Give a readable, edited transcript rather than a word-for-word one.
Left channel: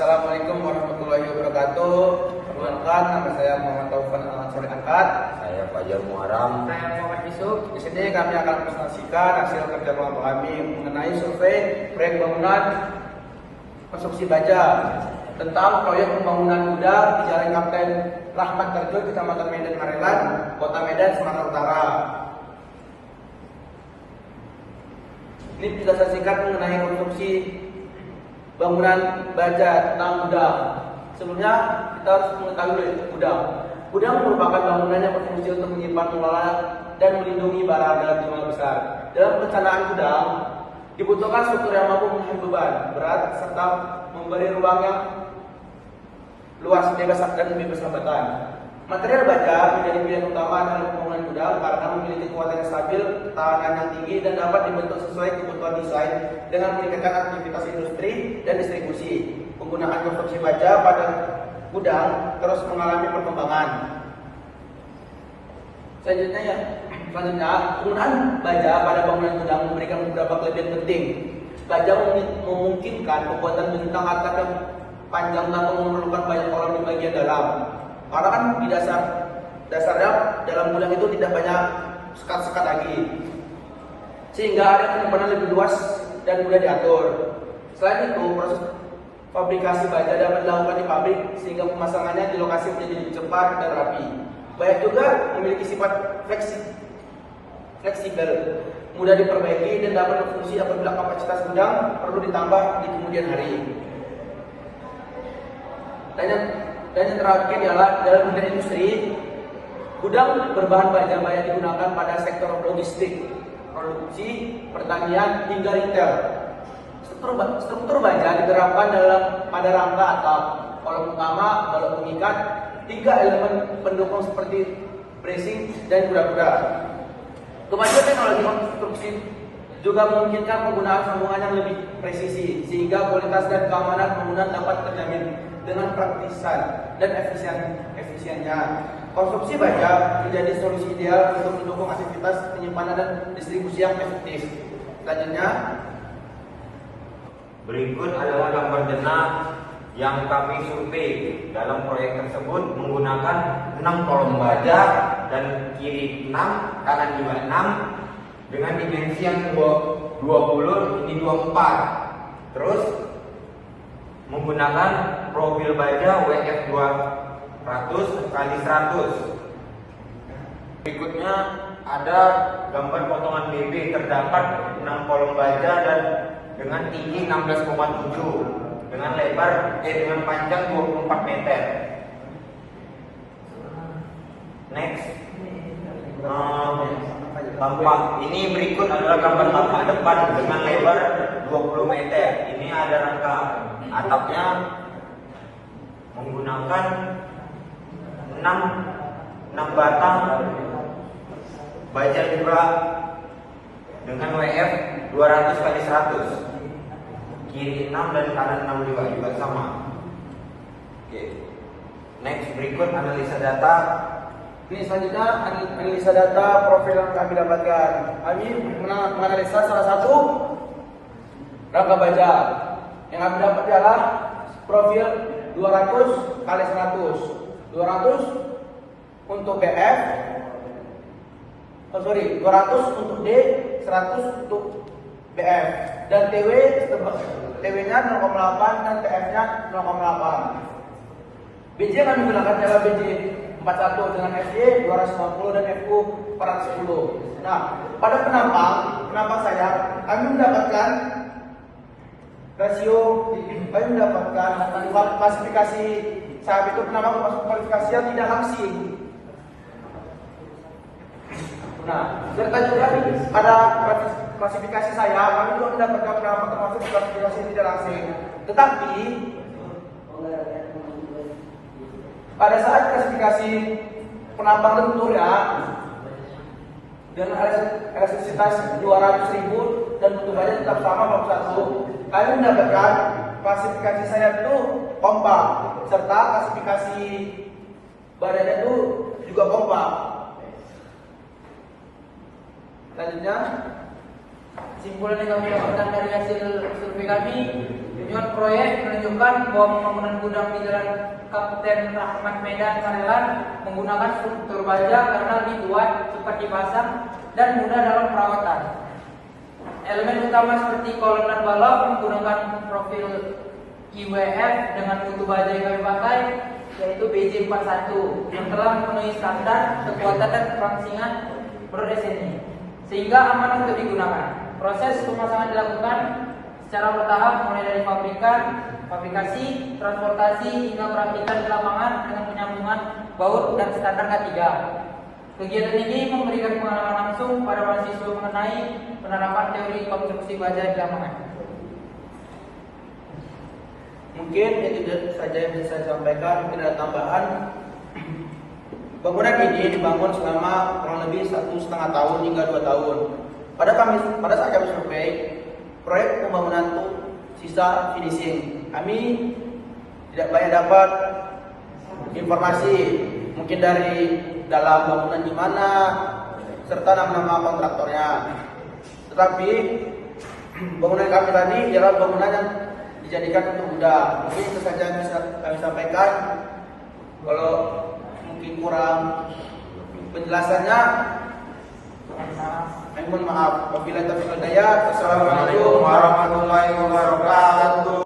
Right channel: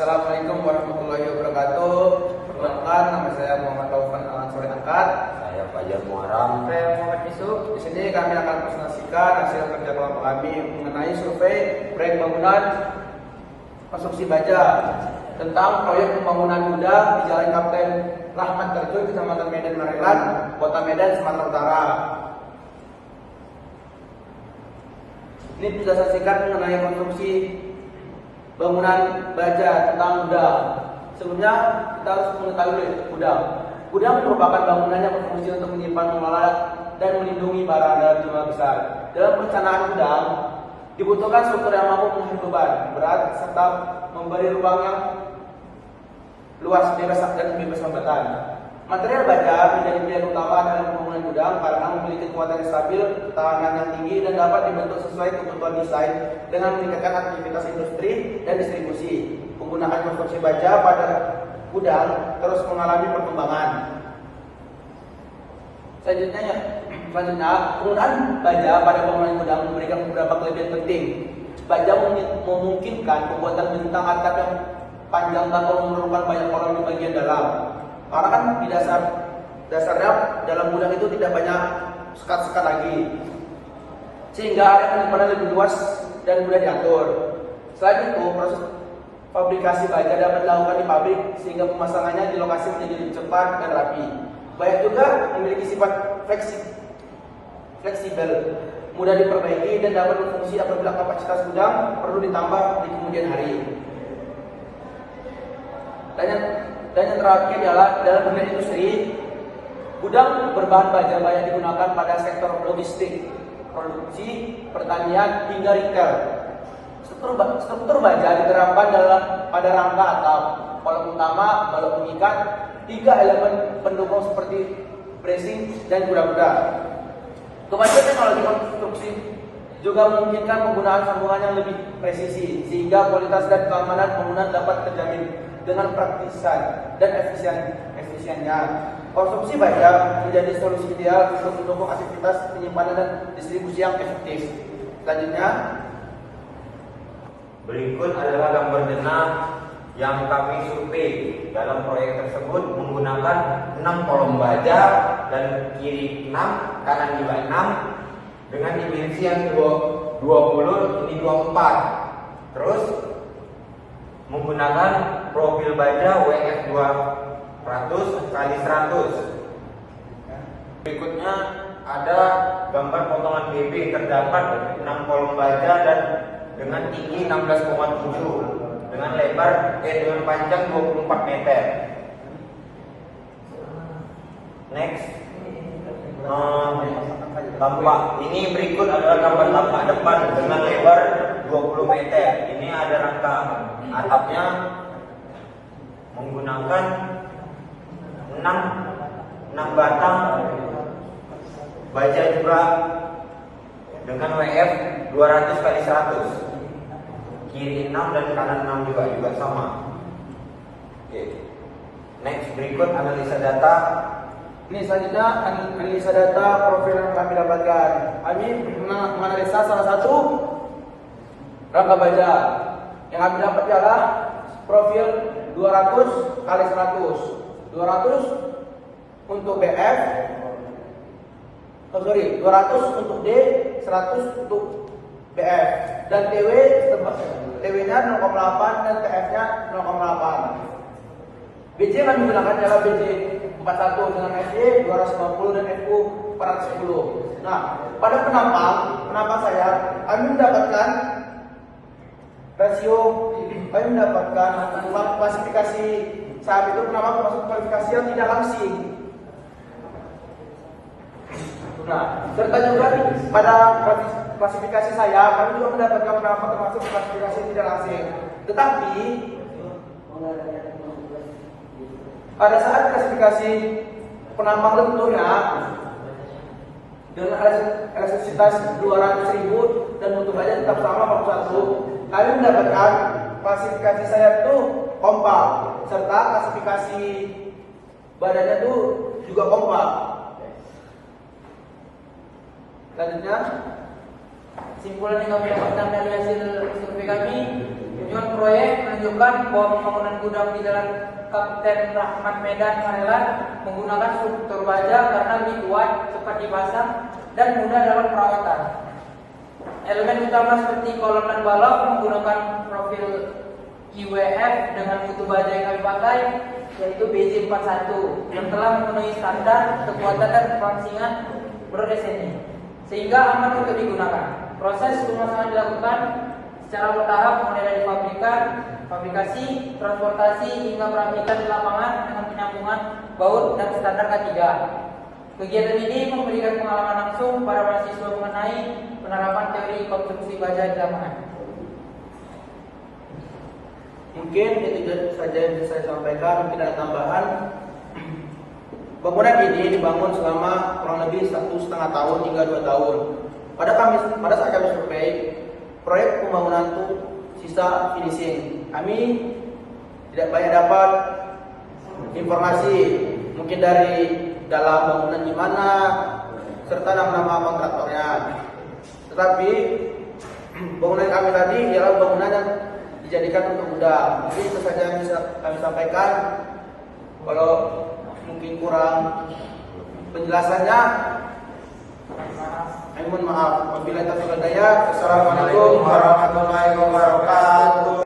Assalamualaikum warahmatullahi wabarakatuh. Perkenalkan, nama saya Muhammad Taufan Al-Ansori Angkat. Saya Fajar Muharam. Saya Muhammad Yusuf. Di sini kami akan presentasikan hasil kerja kelompok kami mengenai survei proyek bangunan konstruksi baja tentang proyek pembangunan gudang di Jalan Kapten Rahmat Kerjo, Kecamatan Medan Ngarelan, Kota Medan, Sumatera Utara. Ini bisa saksikan mengenai konstruksi bangunan baja tentang gudang. Sebelumnya kita harus mengetahui gudang merupakan bangunan yang berfungsi untuk menyimpan, mengelola, dan melindungi barang dalam jumlah besar. Dalam perencanaan gudang dibutuhkan struktur yang mampu menahan beban berat serta memberi ruang yang luas dan bebas hambatan. Material baja menjadi pilihan utama dalam pembangunan gudang karena memiliki kekuatan yang stabil, ketahanan yang tinggi, dan dapat dibentuk sesuai kebutuhan desain dengan meningkatkan aktivitas industri dan distribusi. Penggunaan konstruksi baja pada gudang terus mengalami perkembangan. Selanjutnya, penggunaan baja pada bangunan gudang memberikan beberapa kelebihan penting. Baja memungkinkan pembuatan bentang atap yang panjang tanpa memerlukan banyak orang di bagian dalam. Karena kan di dasarnya dalam gudang itu tidak banyak sekat-sekat lagi, sehingga area penyimpanan lebih luas dan mudah diatur. Selain itu, proses fabrikasi baja dapat dilakukan di pabrik sehingga pemasangannya di lokasi menjadi lebih cepat dan rapi. Baja juga memiliki sifat fleksibel, mudah diperbaiki, dan dapat berfungsi apabila kapasitas gudang perlu ditambah di kemudian hari. Dan yang terakhir adalah dalam dunia industri, gudang berbahan baja banyak digunakan pada sektor logistik, produksi, pertanian, hingga retail. Struktur baja diterapkan pada rangka atap, kolom utama, balok pengikat, 3 elemen pendukung seperti bracing dan kura-kura. Kemajuan teknologi konstruksi juga memungkinkan penggunaan sambungan yang lebih presisi, sehingga kualitas dan keamanan bangunan dapat terjamin dengan praktisan dan efisiennya. Konstruksi baja menjadi solusi ideal untuk mendukung aktivitas penyimpanan dan distribusi yang efektif. Selanjutnya, Berikut adalah gambar denah yang kami survei. Dalam proyek tersebut menggunakan 6 kolom baja dan kiri 6, kanan juga 6 dengan dimensi yang 20 ini 24. Terus menggunakan profil baja WF 200 kali 100. Berikutnya ada gambar potongan BB. Terdapat 6 kolom baja dan dengan tinggi 16,7 dengan dengan panjang 24 meter. Next, tampak ini berikut adalah gambar tampak depan dengan lebar 20 meter. Ini ada rangka atapnya menggunakan 6 batang baja juga dengan WF 200 kali 100. Kiri 6 dan kanan 6 juga sama. Oke. Next, berikut analisa data. ini selanjutnya analisa data profil yang kami dapatkan. Kami menganalisa salah satu rangka baja. Yang kami dapat adalah profil 200 kali 100. 200 untuk BF, 200 untuk D, 100 untuk BF, dan TW-nya 0,8 dan TF-nya 0,8. BJ yang kami gunakan adalah BJ 41 dengan FY 250 dan FU 410. Nah, pada penampang saya, kami mendapatkan klasifikasi saat itu penampang termasuk kualifikasi yang tidak langsing. Nah, serta juga pada klasifikasi saya, kami juga mendapatkan penampang termasuk klasifikasi tidak langsing. Tetapi pada saat klasifikasi penampang lenturnya dengan elastisitas 200.000 dan mutu baja tetap sama 41, kami mendapatkan klasifikasi saya itu kompak, serta klasifikasi badannya itu juga kompak. Selanjutnya, Kesimpulan yang kami dapatkan dari hasil survei kami, Kunjungan proyek menunjukkan bahwa pembangunan gudang di Jalan Kapten Rahmat Medan Marelan menggunakan struktur baja karena lebih kuat, cepat dipasang, dan mudah dalam perawatan. Elemen utama seperti kolom dan balok menggunakan profil IWF dengan mutu baja yang kami pakai, yaitu BJ41 yang telah memenuhi standar kekuatan dan kelangsingan menurut SNI, sehingga aman untuk digunakan. Proses pemasangan dilakukan secara bertahap mulai dari fabrikasi, transportasi hingga perakhiran di lapangan dengan penyambungan baut dan standar K3. Kegiatan ini memberikan pengalaman langsung pada mahasiswa mengenai penerapan teori konstruksi baja di lapangan. Mungkin itu saja yang bisa saya sampaikan. Mungkin ada tambahan. Bangunan ini dibangun selama kurang lebih 1,5 tahun hingga 2 tahun. Pada saat kami survei, proyek pembangunan itu sisa finishing. Kami tidak banyak dapat informasi, mungkin dari dalam bangunan gimana, serta nama kontraktornya. Tetapi bangunan kami tadi adalah bangunan yang dijadikan untuk gudang. Mungkin itu saja yang bisa kami sampaikan. Kalau mungkin kurang penjelasannya, mohon maaf. Wabillahi taufiq wal hidayah. Assalamualaikum warahmatullahi wabarakatuh.